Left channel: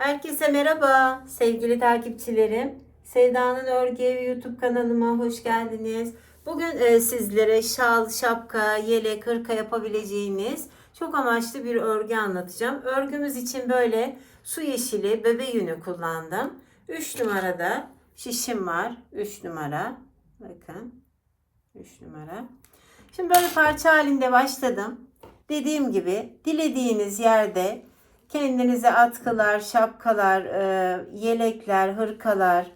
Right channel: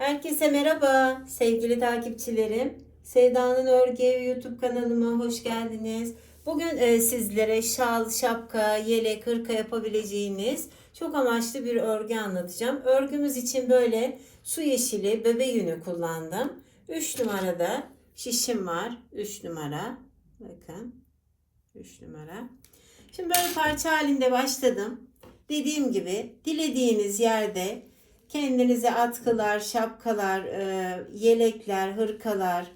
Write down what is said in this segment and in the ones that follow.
Herkese merhaba sevgili takipçilerim. Sevda'nın Örgü YouTube kanalıma hoş geldiniz. Bugün e, sizlere şal, şapka, yelek, hırka yapabileceğiniz çok amaçlı bir örgü anlatacağım. Örgümüz için böyle su yeşili bebe yünü kullandım. 3 numarada şişim var. 3 numara. Bakın. 3 numara. Şimdi böyle parça halinde başladım. Dediğim gibi dilediğiniz yerde kendinize atkılar, şapkalar, e, yelekler, hırkalar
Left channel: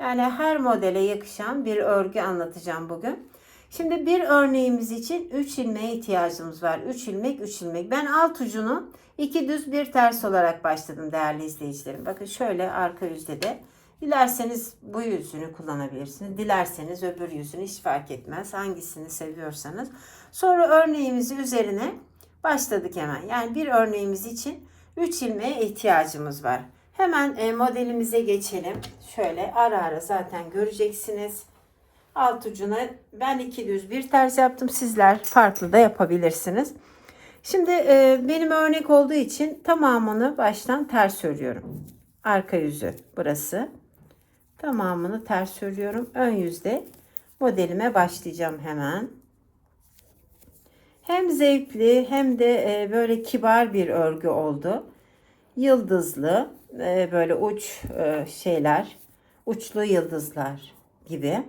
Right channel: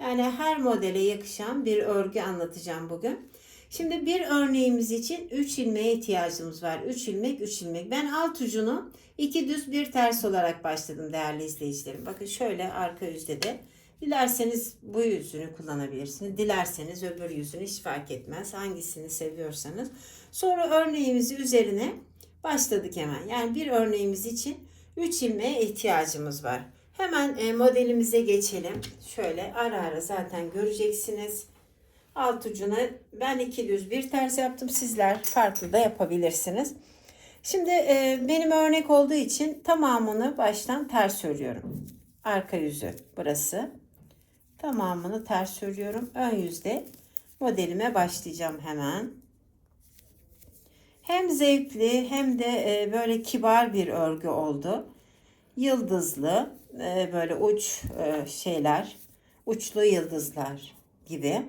yani her modele yakışan bir örgü anlatacağım bugün. Şimdi bir örneğimiz için 3 ilmeğe ihtiyacımız var. 3 ilmek, 3 ilmek. Ben alt ucunu iki düz bir ters olarak başladım değerli izleyicilerim. Bakın şöyle arka yüzde de dilerseniz bu yüzünü kullanabilirsiniz. Dilerseniz öbür yüzünü hiç fark etmez. Hangisini seviyorsanız. Sonra örneğimizi üzerine başladık hemen. Yani bir örneğimiz için 3 ilmeğe ihtiyacımız var. Hemen e, modelimize geçelim. Şöyle ara ara zaten göreceksiniz. Alt ucuna ben iki düz bir ters yaptım. Sizler farklı da yapabilirsiniz. Şimdi e, benim örnek olduğu için tamamını baştan ters örüyorum. Arka yüzü burası. Tamamını ters örüyorum. Ön yüzde modelime başlayacağım hemen. Hem zevkli hem de e, böyle kibar bir örgü oldu. Yıldızlı e, böyle uç e, şeyler, uçlu yıldızlar gibi.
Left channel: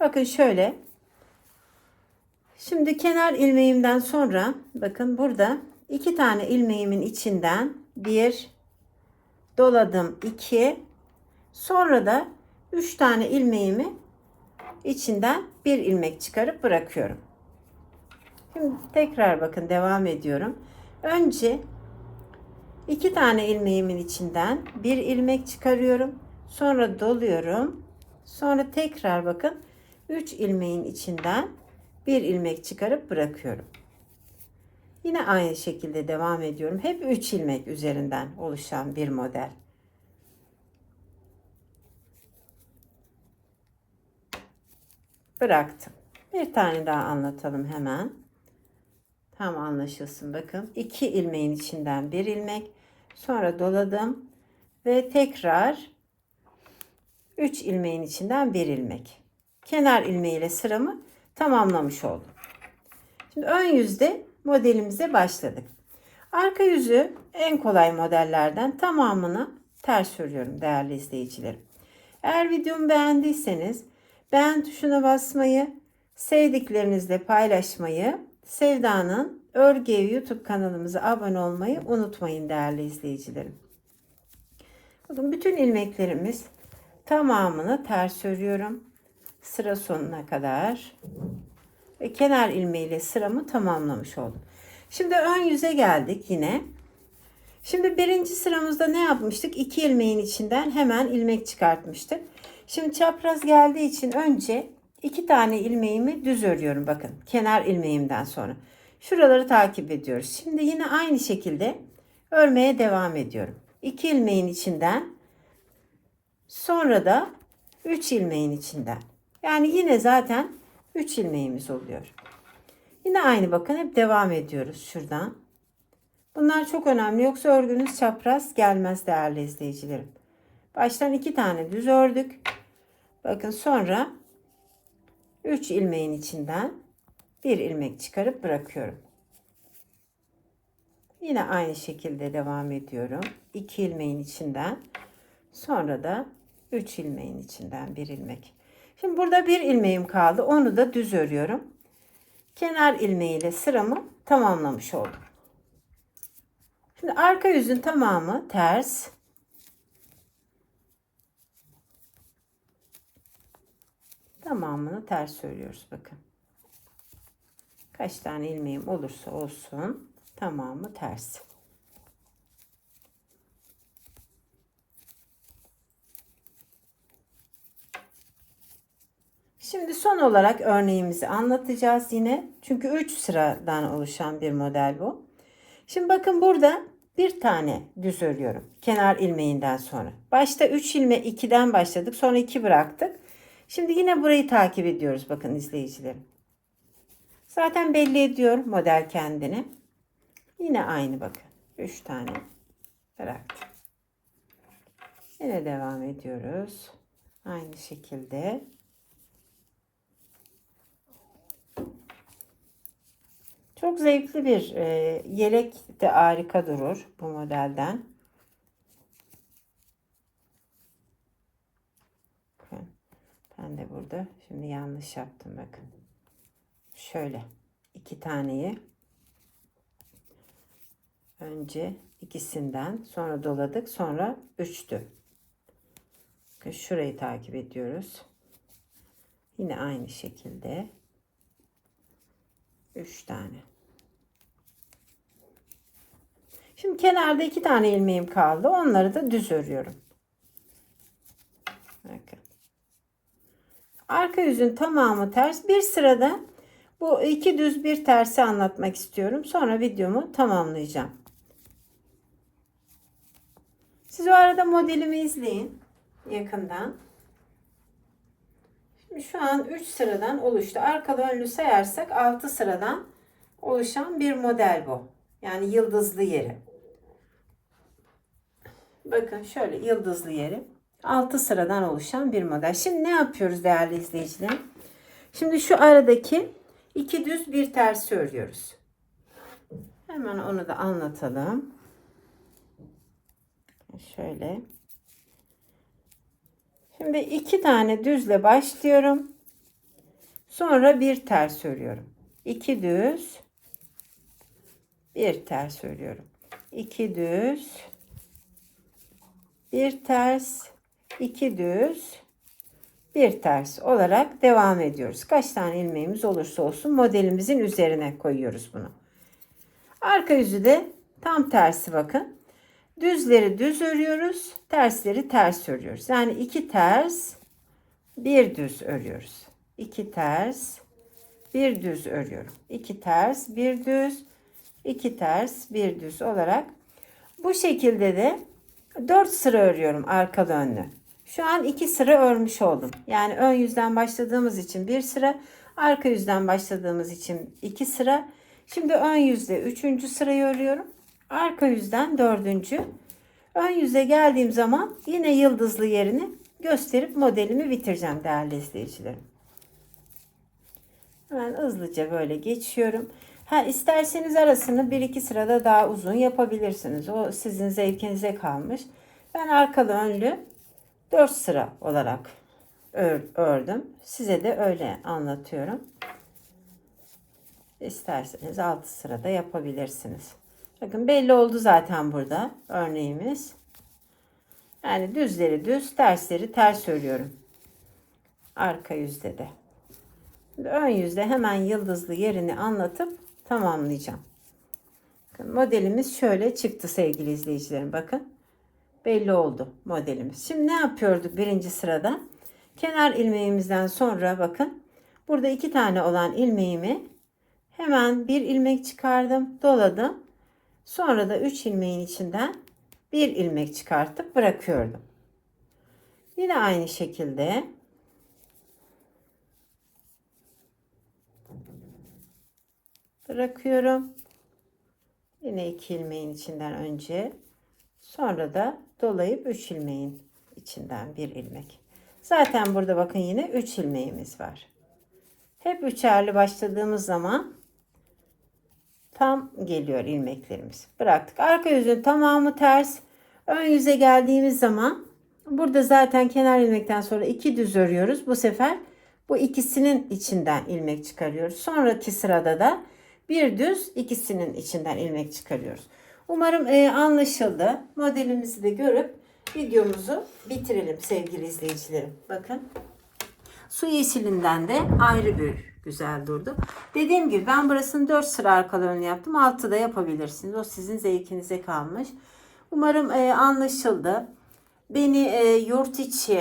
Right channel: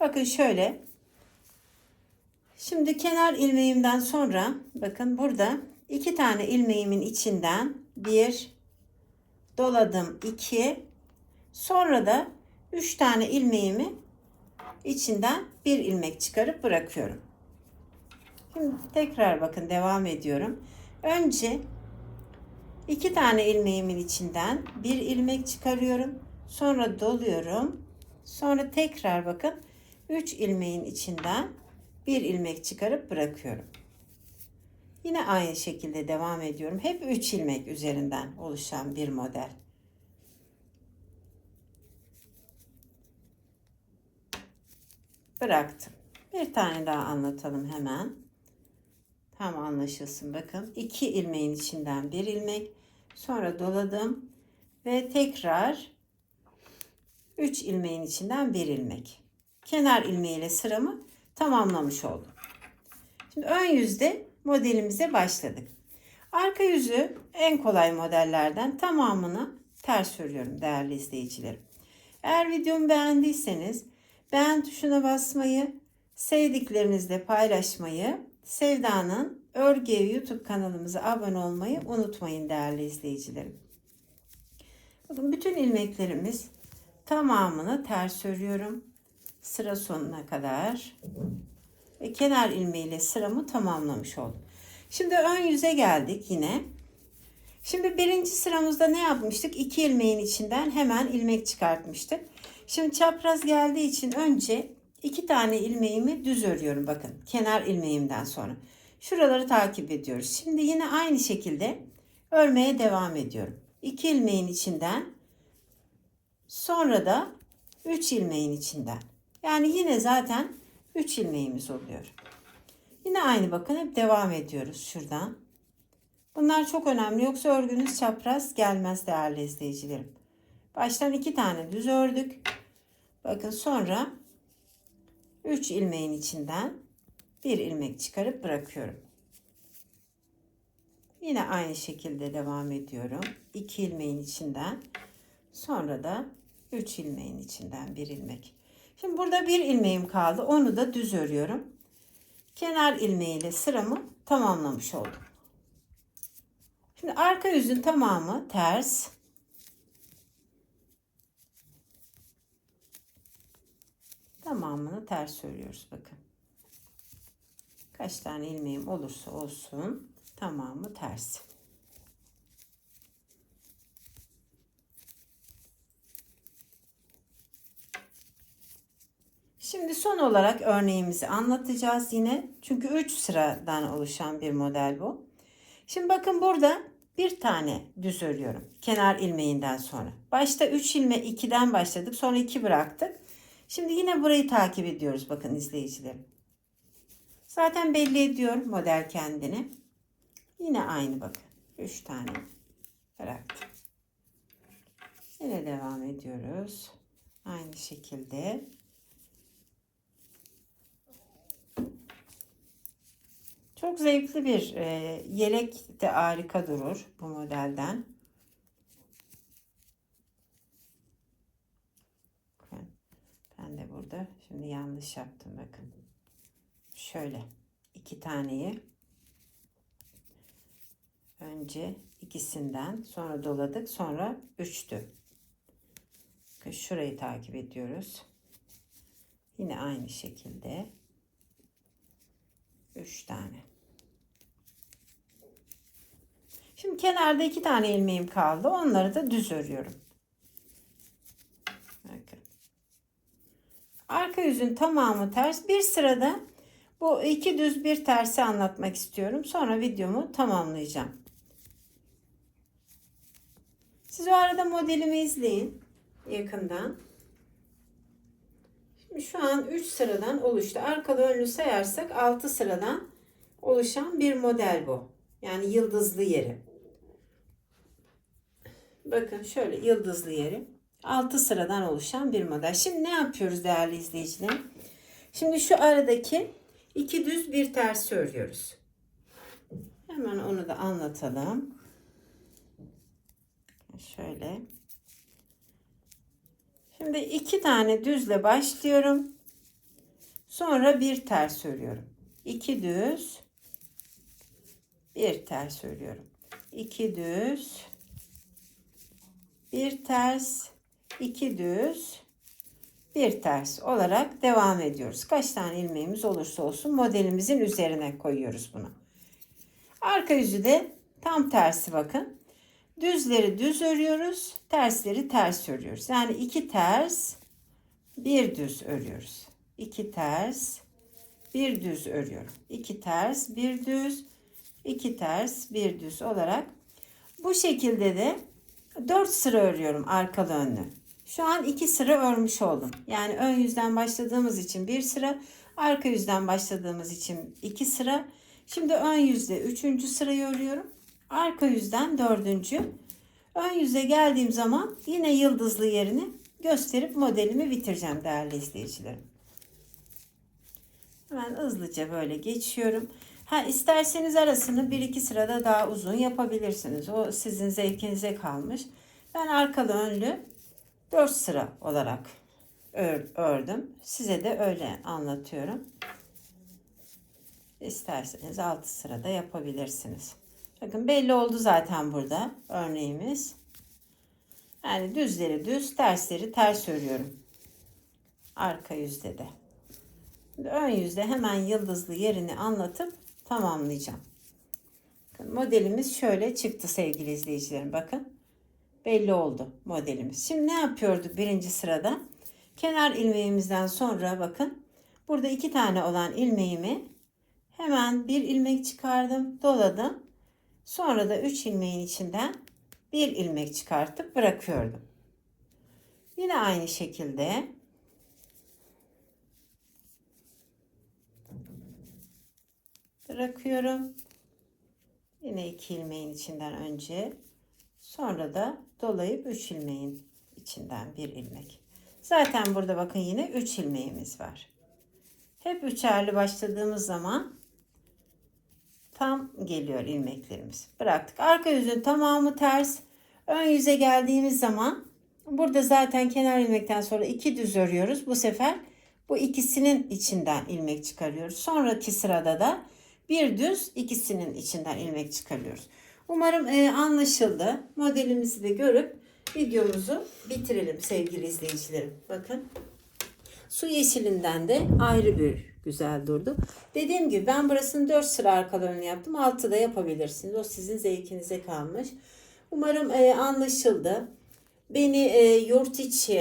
Bakın şöyle. Şimdi kenar ilmeğimden sonra bakın burada iki tane ilmeğimin içinden bir doladım iki sonra da üç tane ilmeğimi içinden bir ilmek çıkarıp bırakıyorum. Tekrar bakın devam ediyorum. Önce iki tane ilmeğimin içinden bir ilmek çıkarıyorum. Sonra doluyorum. Sonra tekrar bakın 3 ilmeğin içinden bir ilmek çıkarıp bırakıyorum. Yine aynı şekilde devam ediyorum. Hep 3 ilmek üzerinden oluşan bir model. Bıraktım. Bir tane daha anlatalım hemen. Tam anlaşılsın bakın. 2 ilmeğin içinden bir ilmek. Sonra doladım. Ve tekrar 3 ilmeğin içinden bir ilmek. Kenar ilmeğiyle sıramı tamamlamış oldum. Şimdi ön yüzde modelimize başladık. Arka yüzü en kolay modellerden tamamını ters örüyorum değerli izleyicilerim. Eğer videomu beğendiyseniz beğen tuşuna basmayı, sevdiklerinizle paylaşmayı, Sevda'nın Örgü YouTube kanalımıza abone olmayı unutmayın değerli izleyicilerim. Bakın bütün ilmeklerimiz tamamını ters örüyorum. Sıra sonuna kadar. Ve kenar ilmeğiyle sıramı tamamlamış oldum. Şimdi ön yüze geldik yine. Şimdi birinci sıramızda ne yapmıştık? İki ilmeğin içinden hemen ilmek çıkartmıştık. Şimdi çapraz geldiği için önce iki tane ilmeğimi düz örüyorum bakın. Kenar ilmeğimden sonra. Şuraları takip ediyoruz. Şimdi yine aynı şekilde örmeye devam ediyorum. İki ilmeğin içinden sonra da üç ilmeğin içinden. Yani yine zaten üç ilmeğimiz oluyor. Yine aynı bakın hep devam ediyoruz şuradan. Bunlar çok önemli yoksa örgünüz çapraz gelmez değerli izleyicilerim. Baştan iki tane düz ördük. Bakın sonra 3 ilmeğin içinden bir ilmek çıkarıp bırakıyorum. Yine aynı şekilde devam ediyorum. 2 ilmeğin içinden sonra da 3 ilmeğin içinden bir ilmek. Şimdi burada bir ilmeğim kaldı. Onu da düz örüyorum. Kenar ilmeğiyle sıramı tamamlamış oldum. Şimdi arka yüzün tamamı ters. Tamamını ters örüyoruz bakın. Kaç tane ilmeğim olursa olsun tamamı ters. Şimdi son olarak örneğimizi anlatacağız yine. Çünkü 3 sıradan oluşan bir model bu. Şimdi bakın burada bir tane düz örüyorum. Kenar ilmeğinden sonra. Başta 3 ilme 2'den başladık. Sonra 2 bıraktık. Şimdi yine burayı takip ediyoruz bakın izleyicilerim. Zaten belli ediyor model kendini. Yine aynı bakın. 3 tane bıraktım. Ve devam ediyoruz. Aynı şekilde. Çok zevkli bir e, yelek de harika durur bu modelden. Bakın, Ben de burada şimdi yanlış yaptım bakın. Şöyle iki taneyi önce ikisinden sonra doladık sonra üçtü. Bakın şurayı takip ediyoruz. Yine aynı şekilde üç tane. Şimdi kenarda iki tane ilmeğim kaldı. Onları da düz örüyorum. Bakın. Arka yüzün tamamı ters. Bir sırada bu iki düz bir tersi anlatmak istiyorum. Sonra videomu tamamlayacağım. Siz o arada modelimi izleyin yakından. Şimdi şu an 3 sıradan oluştu. Arkalı önlü sayarsak 6 sıradan oluşan bir model bu. Yani yıldızlı yeri. Bakın şöyle yıldızlı yeri. 6 sıradan oluşan bir model. Şimdi ne yapıyoruz değerli izleyicilerim? Şimdi şu aradaki iki düz bir ters örüyoruz. Hemen onu da anlatalım. Şöyle. Şimdi iki tane düzle başlıyorum. Sonra bir ters örüyorum. İki düz. Bir ters örüyorum. İki düz. Bir ters. İki düz. Bir ters olarak devam ediyoruz. Kaç tane ilmeğimiz olursa olsun modelimizin üzerine koyuyoruz bunu. Arka yüzü de tam tersi bakın. Düzleri düz örüyoruz, tersleri ters örüyoruz. Yani iki ters, bir düz örüyoruz. İki ters, bir düz örüyorum. İki ters, bir düz, iki ters, bir düz olarak bu şekilde de dört sıra örüyorum arkalı önlü. Şu an iki sıra örmüş oldum. Yani ön yüzden başladığımız için bir sıra, arka yüzden başladığımız için iki sıra. Şimdi ön yüzde üçüncü sırayı örüyorum. Arka yüzden dördüncü. Ön yüze geldiğim zaman yine yıldızlı yerini gösterip modelimi bitireceğim değerli izleyicilerim. Hemen hızlıca böyle geçiyorum. Ha isterseniz arasını bir iki sırada daha uzun yapabilirsiniz. O sizin zevkinize kalmış. Ben arkalı önlü 4 sıra olarak ördüm. Size de öyle anlatıyorum. İsterseniz 6 sırada yapabilirsiniz. Bakın belli oldu zaten burada örneğimiz. Yani düzleri düz, tersleri ters örüyorum. Arka yüzde de. Ön yüzde hemen yıldızlı yerini anlatıp tamamlayacağım. Modelimiz şöyle çıktı sevgili izleyicilerim. Bakın belli oldu modelimiz. Şimdi ne yapıyorduk birinci sırada? Kenar ilmeğimizden sonra bakın burada iki tane olan ilmeğimi hemen bir ilmek çıkardım, doladım. Sonra da 3 ilmeğin içinden bir ilmek çıkartıp bırakıyordum. Yine aynı şekilde bırakıyorum. Yine iki ilmeğin içinden önce sonra da dolayıp 3 ilmeğin içinden bir ilmek. Zaten burada bakın yine 3 ilmeğimiz var. Hep üçerli başladığımız zaman tam geliyor ilmeklerimiz. Bıraktık. Arka yüzün tamamı ters. Ön yüze geldiğimiz zaman burada zaten kenar ilmekten sonra iki düz örüyoruz. Bu sefer bu ikisinin içinden ilmek çıkarıyoruz. Sonraki sırada da bir düz ikisinin içinden ilmek çıkarıyoruz. Umarım e, anlaşıldı. Modelimizi de görüp videomuzu bitirelim sevgili izleyicilerim. Bakın. Su yeşilinden de ayrı bir güzel durdu. Dediğim gibi ben burasını 4 sıra arkalı ön yaptım. 6 da yapabilirsiniz. O sizin zevkinize kalmış. Umarım e, anlaşıldı. Beni e, yurt içi,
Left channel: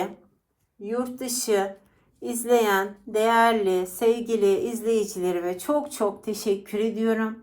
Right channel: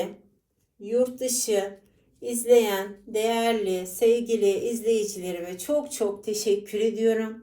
yurt dışı izleyen değerli, sevgili izleyicilerime çok çok teşekkür ediyorum.